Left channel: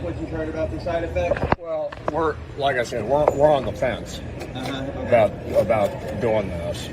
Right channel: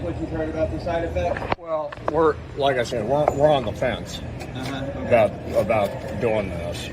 like what you've heard about the side effects? Well, like I said, we're on the fence about doing this,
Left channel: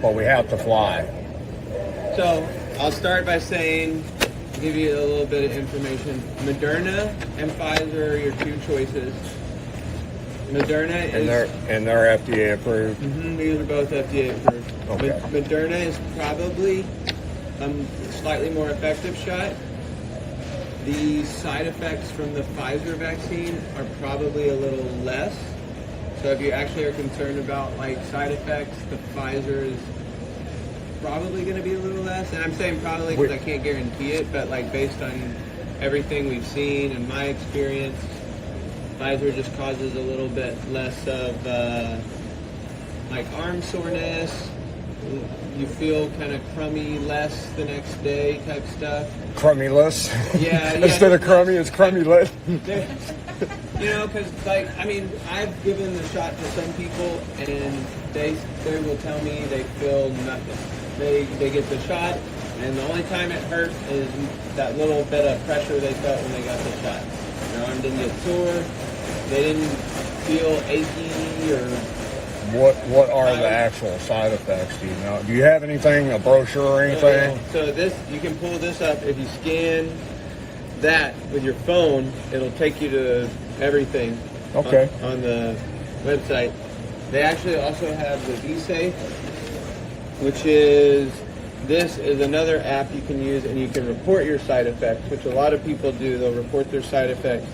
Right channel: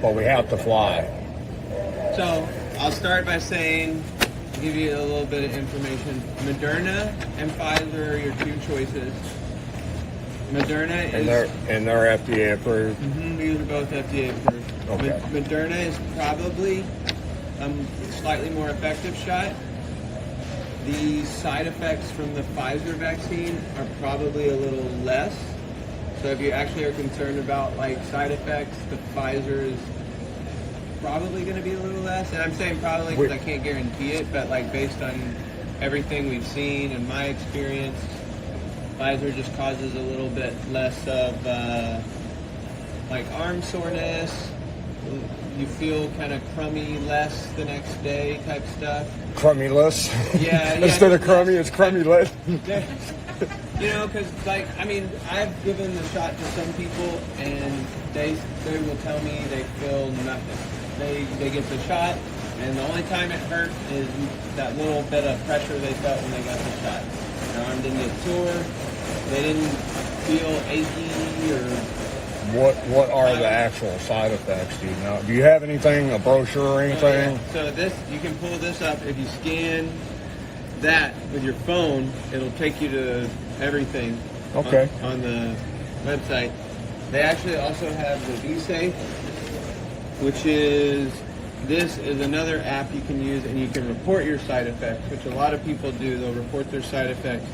but we have to fly. So I'll start by saying, give you a little bit of information. Moderna and Pfizer are your two choices. Moderna is... And they're FDA approved? These are both FDA approved. Okay. Moderna is probably a slightly more effective shot. The side effects from the Pfizer vaccine are probably a little less. So if you actually are concerned about like side effects, the Pfizer is probably going to be a little less. And I'm saying probably because I can't guarantee it, but like based on everything we've seen and my experience, Pfizer just causes a little bit less of like arm soreness. You feel kind of crummy less the next day type stuff. Crummy less? Yeah. Instead of crummy, it's crummy less. You know, because like, I mean, I've given the shot to some people and they will tell me they feel nothing. They get the shot and the only time it hurts is that little bit of pressure they felt when they got the shot. Their arm didn't get sore, they didn't feel achy or... What are the actual side effects? Do you know? Do you have anything, a brochure or anything? So this, you can pull this up. If you scan that with your phone, it'll take you to everything. Okay. On the website. They actually also have the V-safe, which this is another app you can use and you can report your side effects, which a lot of people do. They'll report their side effects.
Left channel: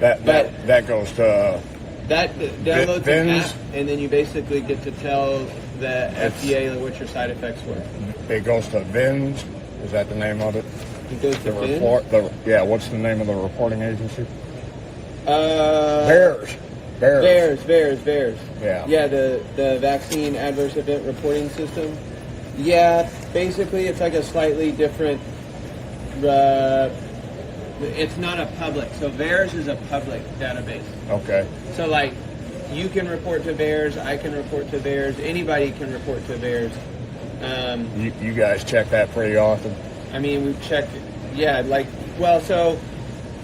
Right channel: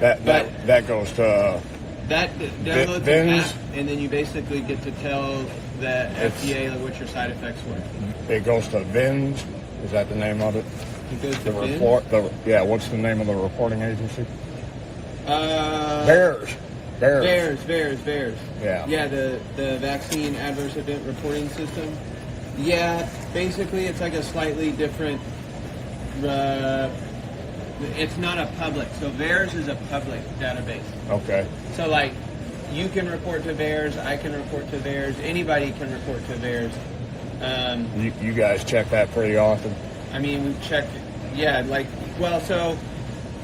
That goes to... That downloads an app, and then you basically get to tell the FDA what your side effects were. It goes to VAERS. Is that the name of it? It goes to VAERS? What's the name of the reporting agency? VAERS. Yeah. Yeah, the vaccine adverse event reporting system. Yeah, basically it's like a slightly different. It's not a public. So VAERS is a public database. Okay. So like, you can report to VAERS, I can report to VAERS, anybody can report to VAERS. You guys check that pretty often? I mean, we check, yeah, like, well, so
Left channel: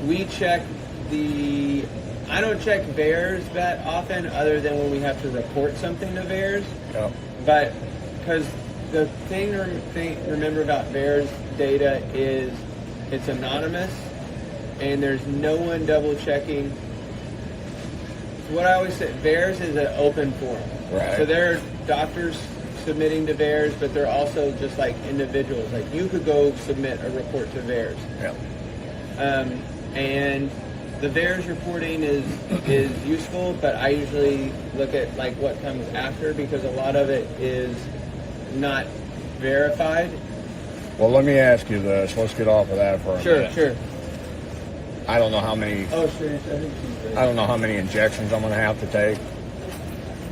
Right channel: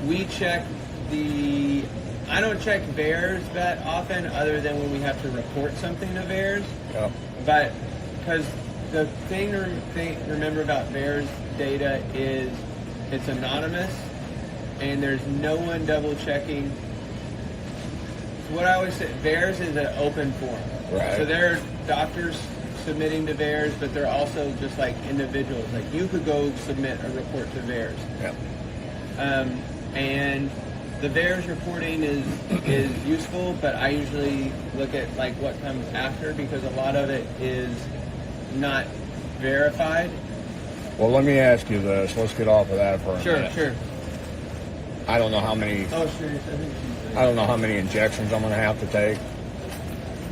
we check I don't check VAERS that often other than when we have to report something to VAERS. Yeah. But, because the thing to remember about VAERS data is it's anonymous and there's no one double checking. What I always say, VAERS is an open forum. Right. So there are doctors submitting to VAERS, but they're also just like individuals. Like you could go submit a report to VAERS. Yeah. And the VAERS reporting is useful, but I usually look at like what comes after because a lot of it is not verified. Well, let me ask you this. Let's get off of that for a minute. Sure. I don't know how many. Oh, sure. I don't know how many injections I'm going to have to take,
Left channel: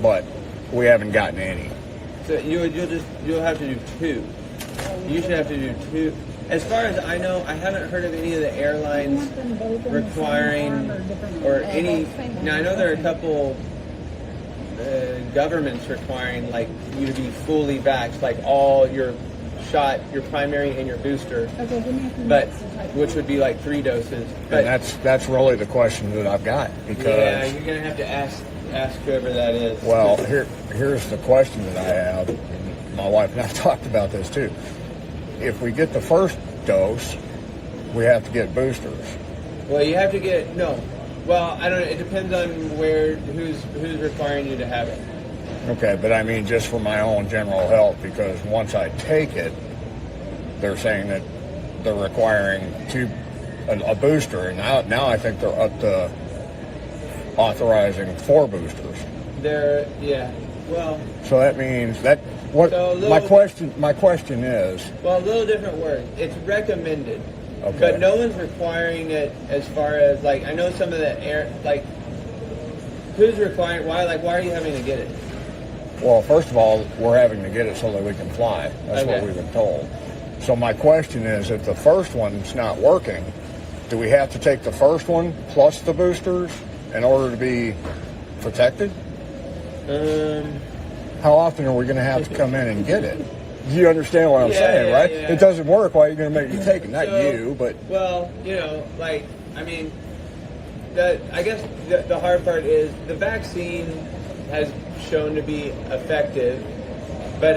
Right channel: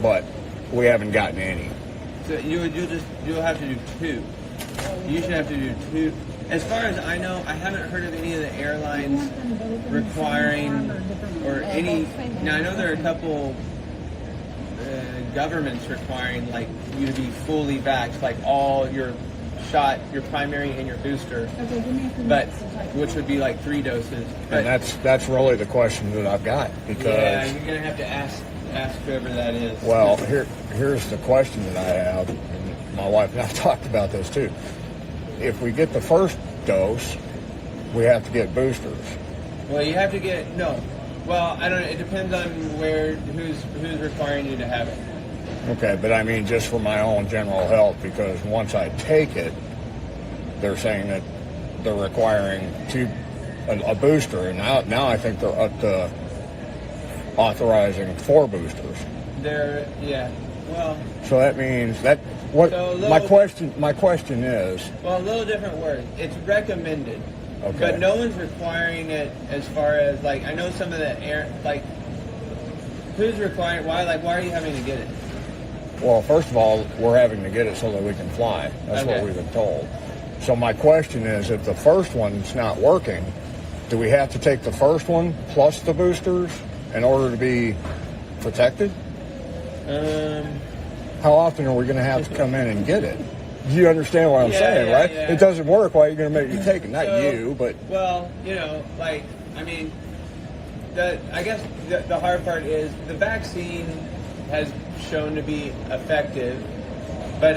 but we haven't gotten any. So you'll have to do 2. You should have to do 2. As far as I know, I haven't heard of any of the airlines requiring or any. Now I know there are a couple governments requiring like you to be fully vaxxed, like all your shot, your primary and your booster, but which would be like 3 doses. But, and that's really the question that I've got because yeah, you're gonna have to ask whoever that is. Well, here's the question that I have. And my wife and I talked about this too. If we get the first dose, we have to get boosters. Well, you have to get no. Well, I don't. It depends on who's requiring you to have it. Okay, but I mean just for my own general health, because once I take it, they're saying that they're requiring a booster, and now I think they're up to authorizing 4 boosters. Yeah. Well. So that means that what so my question is. Well, a little different word. It's recommended. Okay. But no one's requiring it as far as like I know some of the who's requiring why are you having to get it? Well, first of all, we're having to get it so that we can fly. That's Okay. what we've been told. So my question is, if the first one's not working, do we have to take the first one plus the boosters in order to be protected? How often are we going to have to come in and get it? Do you understand what I'm saying, right? Yeah. It doesn't work. Why are you going to make me take it? Not you, but... Well, you know, like, I mean, I guess the hard part is the vaccine has shown to be effective, but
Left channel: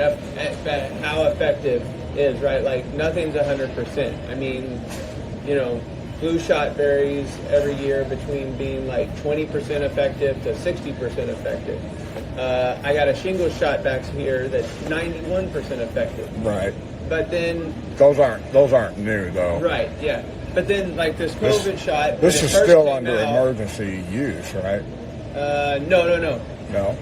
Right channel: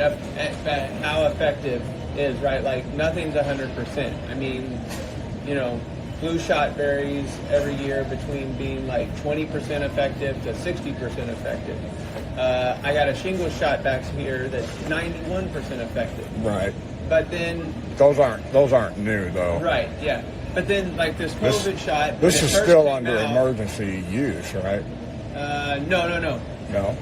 how effective is, right? Like, nothing's 100%. I mean, you know, flu shot varies every year between being like 20% effective to 60% effective. I got a shingles shot back here that's 91% effective. Right. But then Those aren't new though. right, yeah. But then like this COVID shot. This is still under now, emergency use, right? No. No.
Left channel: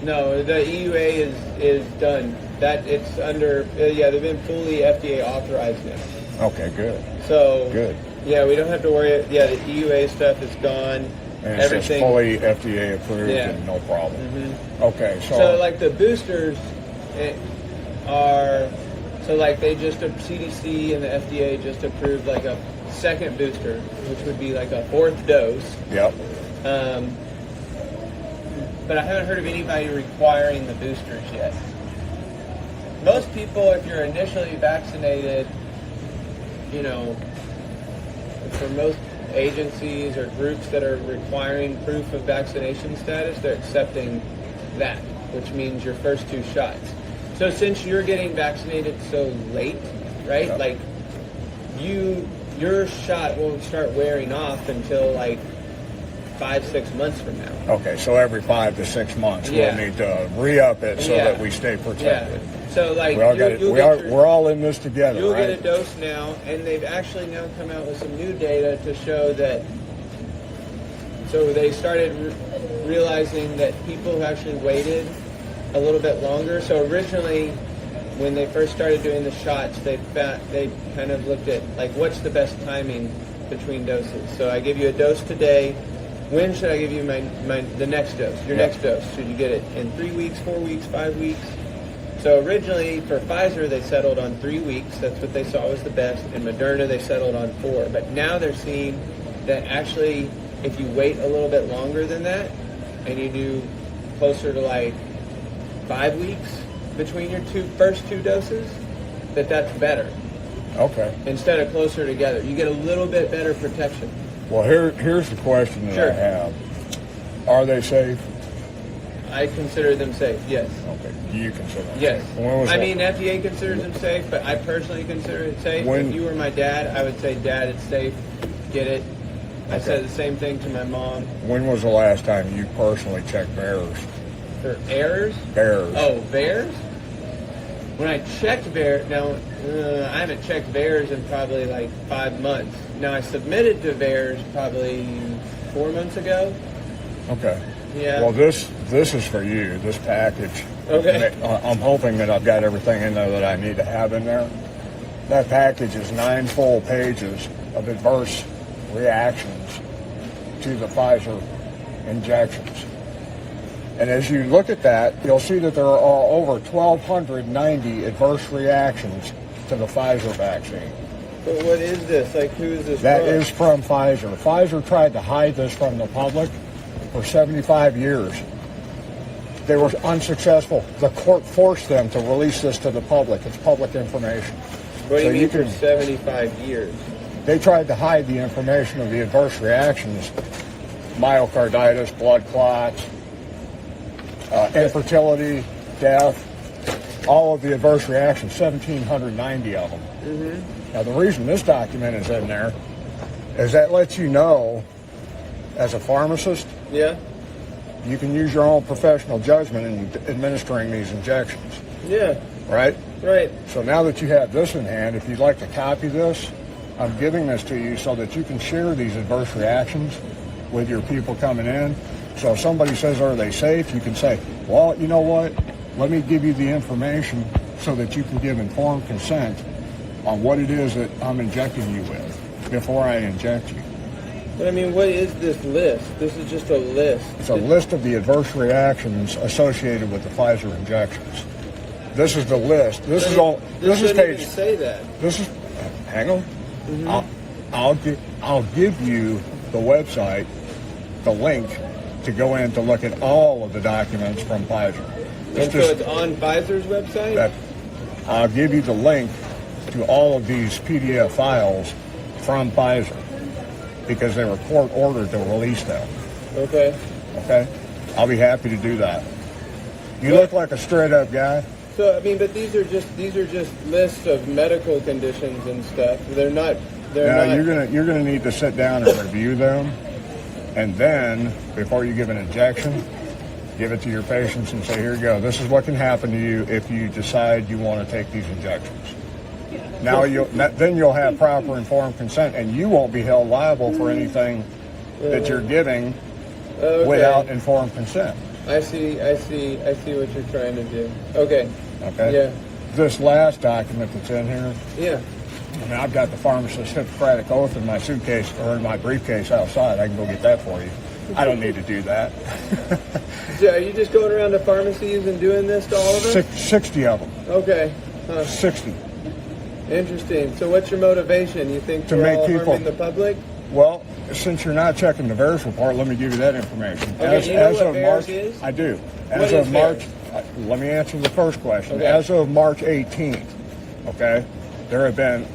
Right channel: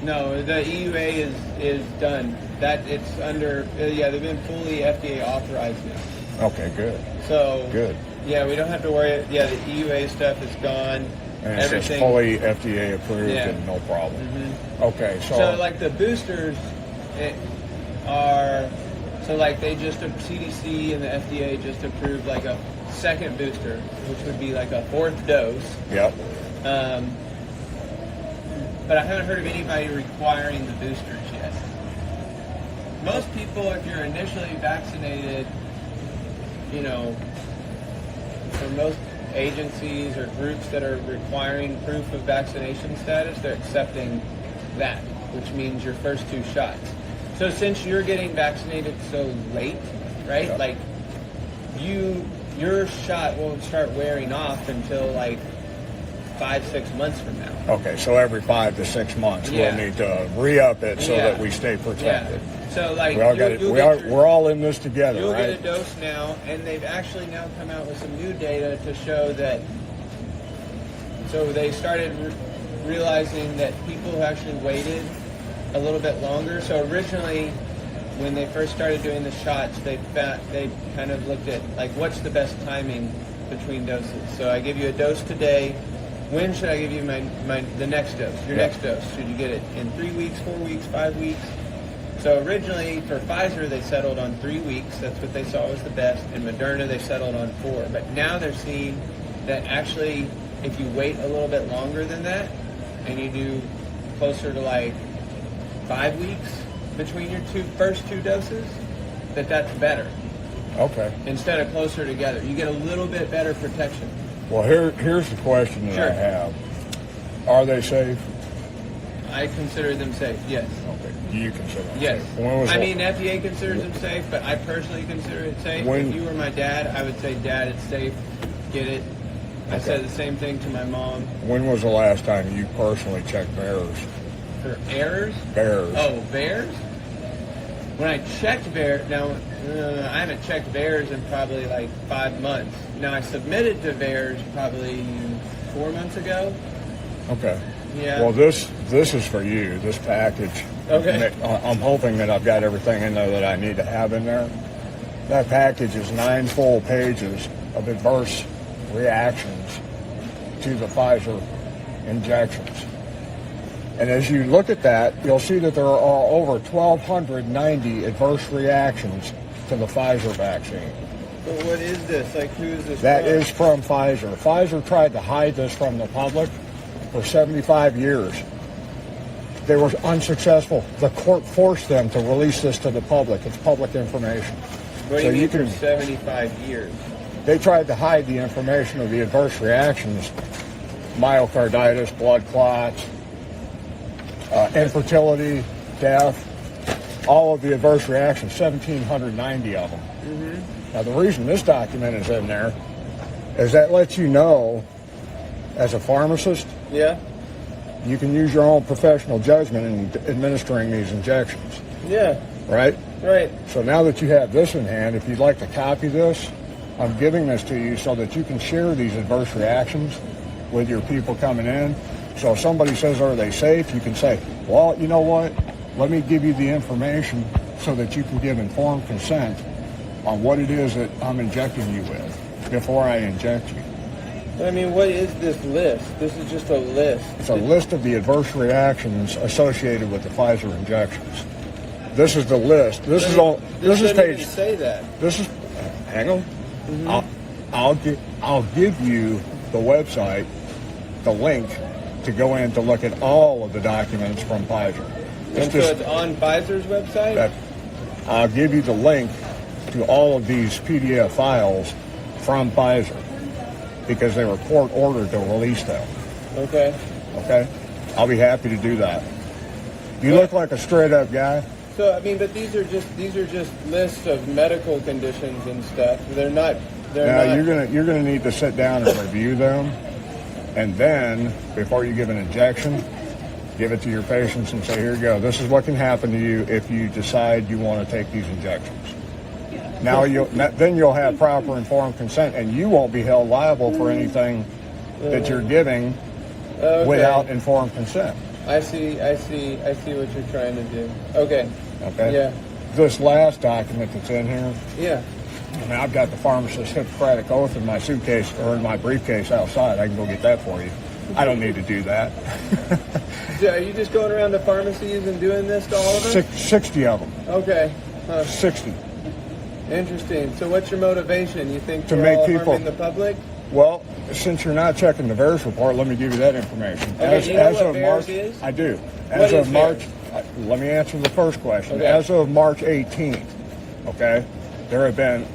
No, the EUA is done. That it's under. Yeah, they've been fully FDA authorized now. Okay, good. So Good. Yeah, we don't have to worry. Yeah, the EUA stuff is gone. And it's fully FDA approved and no problem. Mm-hmm. Okay, So like the boosters are, so like they just, CDC and the FDA just approved like a second booster, which would be like a fourth dose. Yep. But I haven't heard of anybody requiring the boosters yet. Most people, if you're initially vaccinated, you know, for most agencies or groups that are requiring proof of vaccination status, they're accepting that, which means your first two shots. So since you're getting vaccinated so late, right? Yeah. Like your shot won't start wearing off until like 5-6 months from now. Okay, so every 5 to 6 months Yeah. we'll need to re-up it so that we stay protected. Yeah. So like We're all in this together, you'll right? get a dose now, and they've actually now come out with some new data to show that. So they started realizing that people actually waited a little bit longer. So originally, when they first started doing the shots, they kind of looked at like what's the best timing between doses. So I give you a dose today. When should I give you the next dose? Your next dose. Should you get it in 3 weeks, 4 weeks, 5 weeks? So originally for Pfizer, they settled on 3 weeks. That's what they saw was the best. And Moderna, they settled on 4. But now they're seeing that actually, if you wait a little bit longer than that, and you do closer to like 5 weeks between your first two doses, that's better. Okay. Instead of closer together. You get a little bit better protection. Well, here's the question that Sure. I have. Are they safe? I consider them safe, yes. Okay. You consider them Yes. safe. When was I that? mean, FDA considers them safe, but I personally consider it safe. When- If you were my dad, I would say, Dad, it's safe. Get it. I said the same thing to my mom. When was the last time you personally checked VAERS? For errors? VAERS. Oh, VAERS? When I checked VAERS, now, I haven't checked VAERS in probably like 5 months. Now, I submitted to VAERS probably 4 months ago. Okay. Yeah. Well, this is for you, this package. Okay. I'm hoping that I've got everything in there that I need to have in there. That package is 9 full pages of adverse reactions to the Pfizer injections. And as you look at that, you'll see that there are over 1,290 adverse reactions to the Pfizer vaccine. But what is this? Like, who is this? That from? is from Pfizer. Pfizer tried to hide this from the public for 75 years. They were unsuccessful. The court forced them to release this to the public. It's public information. What do you So mean you for can- 75 years? They tried to hide the information of the adverse reactions, myocarditis, blood clots, infertility, death, all of the adverse reactions, 1,790 of them. Mm-hmm. Now, the reason this document is in there is that lets you know, as a pharmacist, Yeah. you can use your own professional judgment in administering these injections, Yeah. right? Right. So now that you have this in hand, if you'd like to copy this, I'm giving this to you so that you can share these adverse reactions with your people coming in. So if somebody says, are they safe? You can say, well, you know what? Let me give you the information so that you can give informed consent on what it is that I'm injecting you with before I inject you. I mean, what is this list? This is just a list. It's a list of the adverse reactions associated with the Pfizer injections. This is the list. This is all. This is doesn't page. even say that. This is. Hang on. Mm-hmm. I'll give you the website, the link to go in to look at all of the documents from Pfizer. And so it's on Pfizer's website? I'll give you the link to all of these PDF files from Pfizer. because they were court ordered to release them. Okay. Okay? I'll be happy to do that. You look like a straight up guy. So I mean, but these are just lists of medical conditions and stuff. They're not. You're gonna need to sit down and review them, and then before you give an injection, give it to your patients and say, here you go. This is what can happen to you if you decide you want to take these injections. Now then you'll have proper informed consent, and you won't be held liable for anything that you're giving without informed consent. I see what you're trying to do. Okay. Okay. Yeah. This last document that's in here. Yeah. I mean, I've got the pharmacist's Hippocratic oath in my suitcase or in my briefcase outside. I can go get that for you. I don't need to do that. So are you just going around the pharmacies and doing this to all of them? 60 of them. Okay. 60. Interesting. So what's your motivation? You think to we're make all people harming the public? Well, since you're not checking the VAERS report, let me give you that information. Okay, As do you know of what March, VAERS is? I do. What As is of March, VAERS? let me answer the first question. Okay. As of March 18th, okay, there have been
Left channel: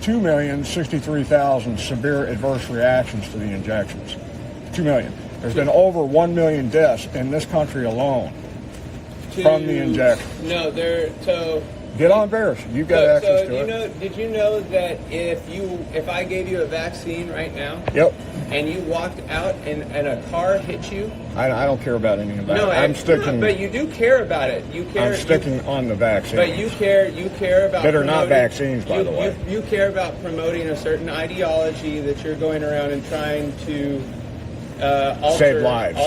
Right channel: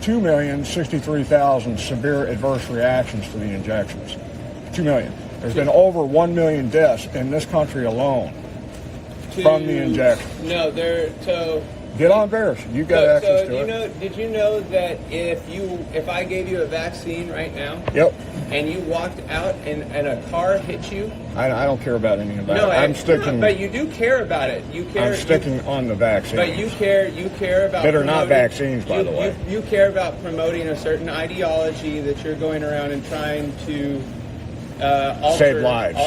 2,063,000 severe adverse reactions to the injections. 2 million. There's been over 1 million deaths in this country alone from the injection. No, so Get on VAERS. You got access to it. Did you know that if I gave you a vaccine right now, Yep. and you walked out and a car hit you? I don't care about anything about No, it. I'm sticking. but you do care about it. You care. I'm sticking on the vaccine. But you care about. That are not promoting- vaccines, by the way. You care about promoting a certain ideology that you're going around and trying to Save lives.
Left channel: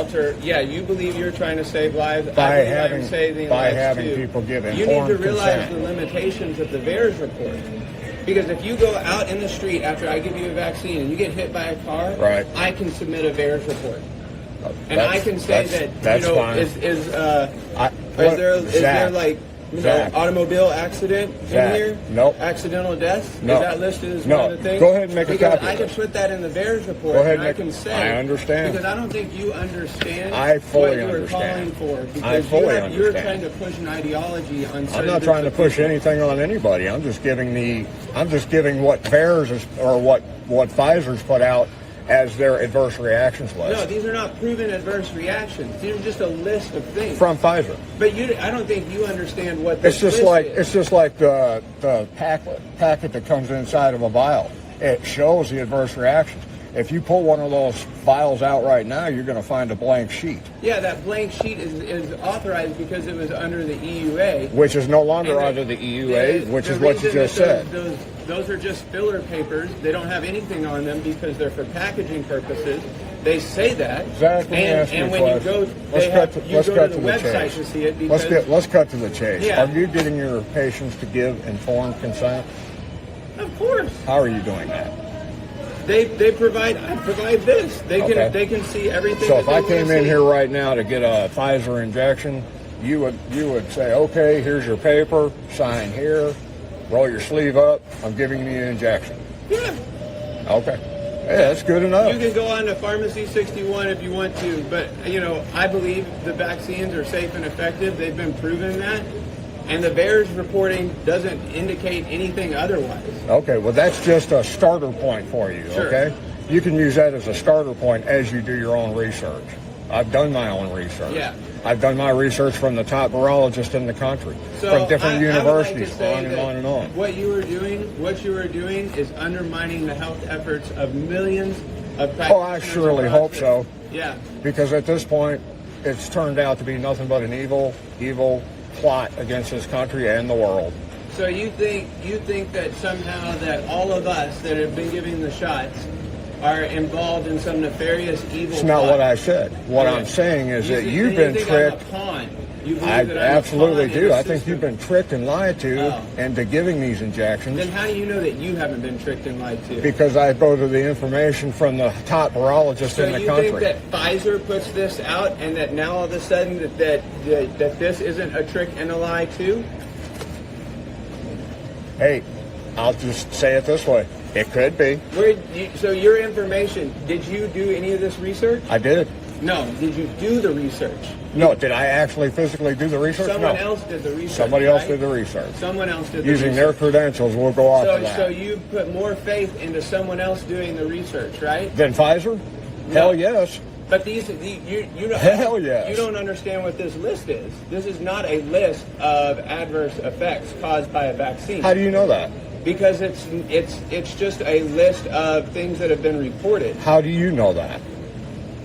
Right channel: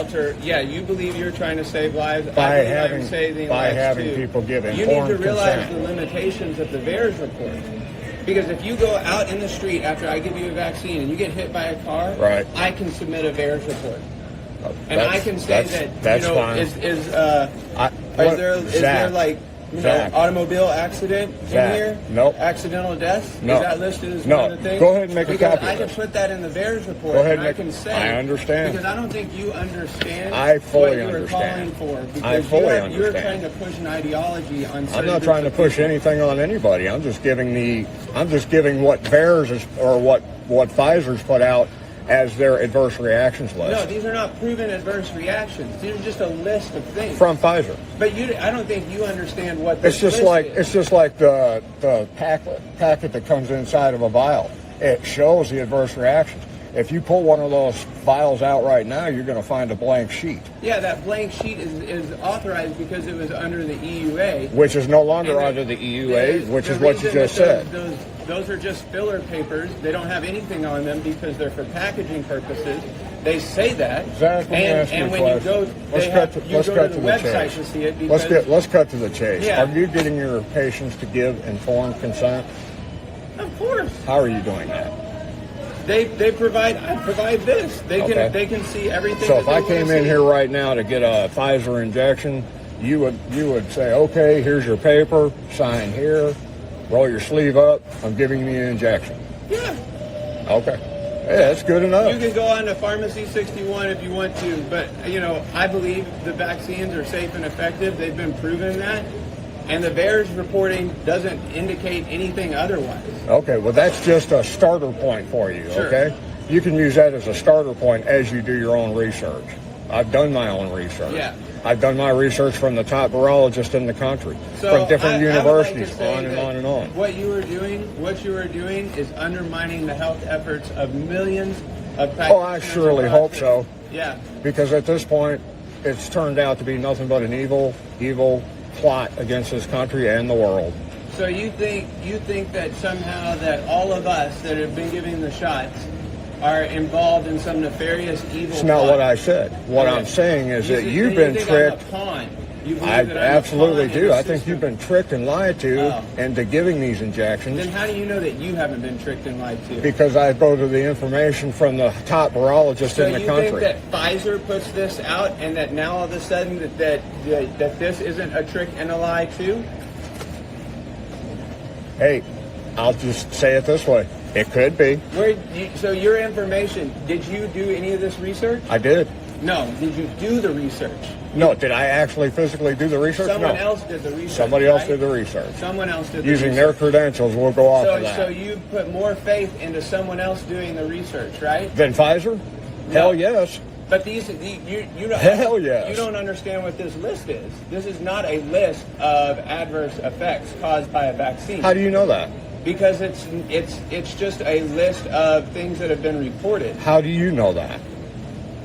Yeah, you believe you're trying to save lives. By I believe having- I'm saving by lives having too. people get You need informed to realize consent. the limitations of the VAERS report. Because if you go out in the street after I give you a vaccine and you get hit by a car, Right. I can submit a VAERS report. And That's- I can say that's- that, that's fine. is there like, Zach. automobile accident in Zach. here? Nope. Accidental death? No. Is that listed as No. one of the things? Go ahead and make a because copy I of can it. put that in the VAERS report, Go ahead and and I make can it. say. I understand. Because I don't think you understand I what fully you were understand. calling for. I Because fully you're understand. trying to push an ideology on certain I'm not trying to different push people. anything on anybody. I'm just giving what VAERS is, or what Pfizer's put out as their adverse reactions list. No, these are not proven adverse reactions. These are just a list of things. From Pfizer. But I don't think you understand what It's this just list like is. the packet that comes inside of a vial. It shows the adverse reaction. If you pull one of those vials out right now, you're going to find a blank sheet, Yeah, that blank sheet is authorized because it was under the EUA. which is no longer And under the EUA, which is what you reason just that said. Those are just filler papers. They don't have anything on them because they're for packaging purposes. They say that. Exactly. And when you go, Let's cut to you go to the the website chase. to see it because Let's cut to the chase. Yeah. Are you getting your patients to give informed consent? of course How are you doing that? I provide this. Okay. They can see everything. So that if they I wanna came in see. here right now to get a Pfizer injection, you would say, okay, here's your paper, sign here, roll your sleeve up, I'm giving you an injection. Yeah. Okay. Yeah, that's good enough. You can go on to Pharmacy 61 if you want to, but I believe the vaccines are safe and effective. They've been proven that, and the VAERS reporting doesn't indicate anything otherwise. Okay, well that's just a starter point for you, Sure. okay? You can use that as a starter point as you do your own research. I've done my own research. Yeah. I've done my research from the top virologists in the country, from different universities, I would like to say on and that on and on. What you are doing is undermining the health efforts of millions of practitioners. Oh, I surely across hope the- so. Yeah. Because at this point, it's turned out to be nothing but an evil plot against this country and the world. So you think that somehow that all of us that have been giving the shots are involved in some nefarious evil It's not plot? what I said. What I'm saying is that you've been tricked. You believe I that I'm a absolutely pawn in do. the I think you've system? been tricked and lied to Oh. into giving these injections. Then how do you know that you haven't been tricked and lied to? Because I go to the information from the top virologists So in the you country. think that Pfizer puts this out, and that now all of a sudden that this isn't a trick and a lie too? Hey, I'll just say it this way. It could be. So your information, did you do any of this research? I did. No, did you do the research? No, did I actually physically do the research? Someone No. else did the research. Somebody else right? did the research. Someone else did the Using research. their credentials, we'll go off of that. So you put more faith into someone else doing the research, right? Then Pfizer? No. Hell yes. But you don't, Hell yes. you don't understand what this list is. This is not a list of adverse effects caused by a vaccine. How do you know that? Because it's just a list of things that have been reported. How do you know that?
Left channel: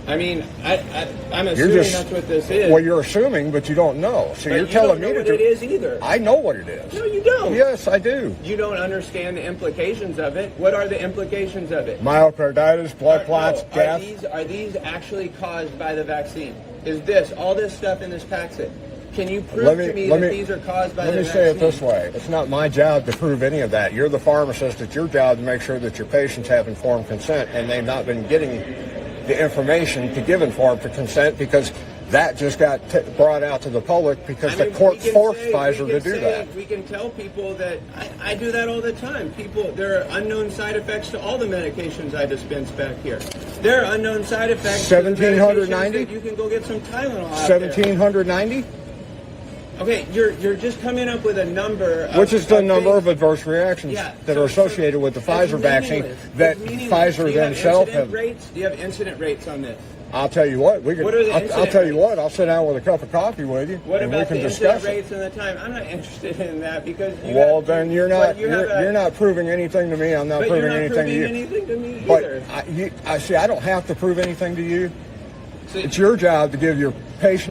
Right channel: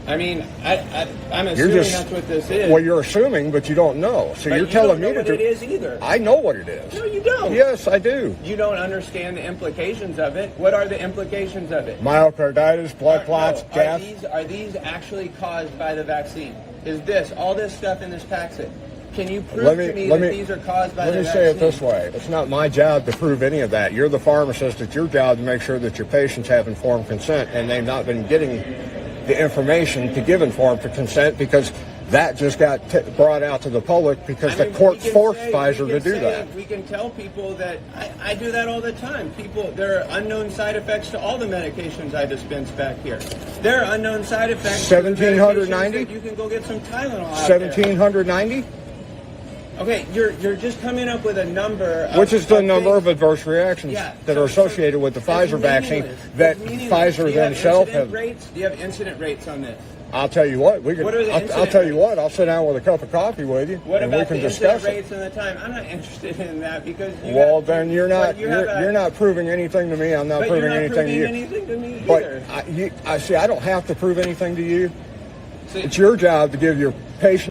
I mean, I'm assuming that's what this is. Well, you're assuming, but you don't know. So but you're you telling don't know me what that it is either. I know what it is. No, you don't. Yes, I do. You don't understand the implications of it. What are the implications of it? Myocarditis, blood clots, death. Are these actually caused by the vaccine? Is this, all this stuff in this packet, can you prove to me that these are caused by the vaccine? Let me say it this way. It's not my job to prove any of that. You're the pharmacist. It's your job to make sure that your patients have informed consent, and they've not been getting the information to give informed consent because that just got brought out to the public because the courts forced Pfizer to do that. We can tell people that I do that all the time. There are unknown side effects to all the medications I dispense back here. There are unknown side effects. 1,790? You can go get some Tylenol out 1,790? Okay, you're just coming up with a number. Which is the number of adverse reactions Yeah. that are associated with the Pfizer vaccine that Pfizer themselves have. Do you have incident rates on this? I'll tell you what. What are the I'll tell you incident what. I'll sit down with a cup of coffee with you, What and we about can the incident discuss it. rates and the time? I'm not interested in that because. Then you're not proving anything to me. I'm not proving anything to you. Anything to me But either. I see. I don't have to prove anything to you. It's your job to give your patient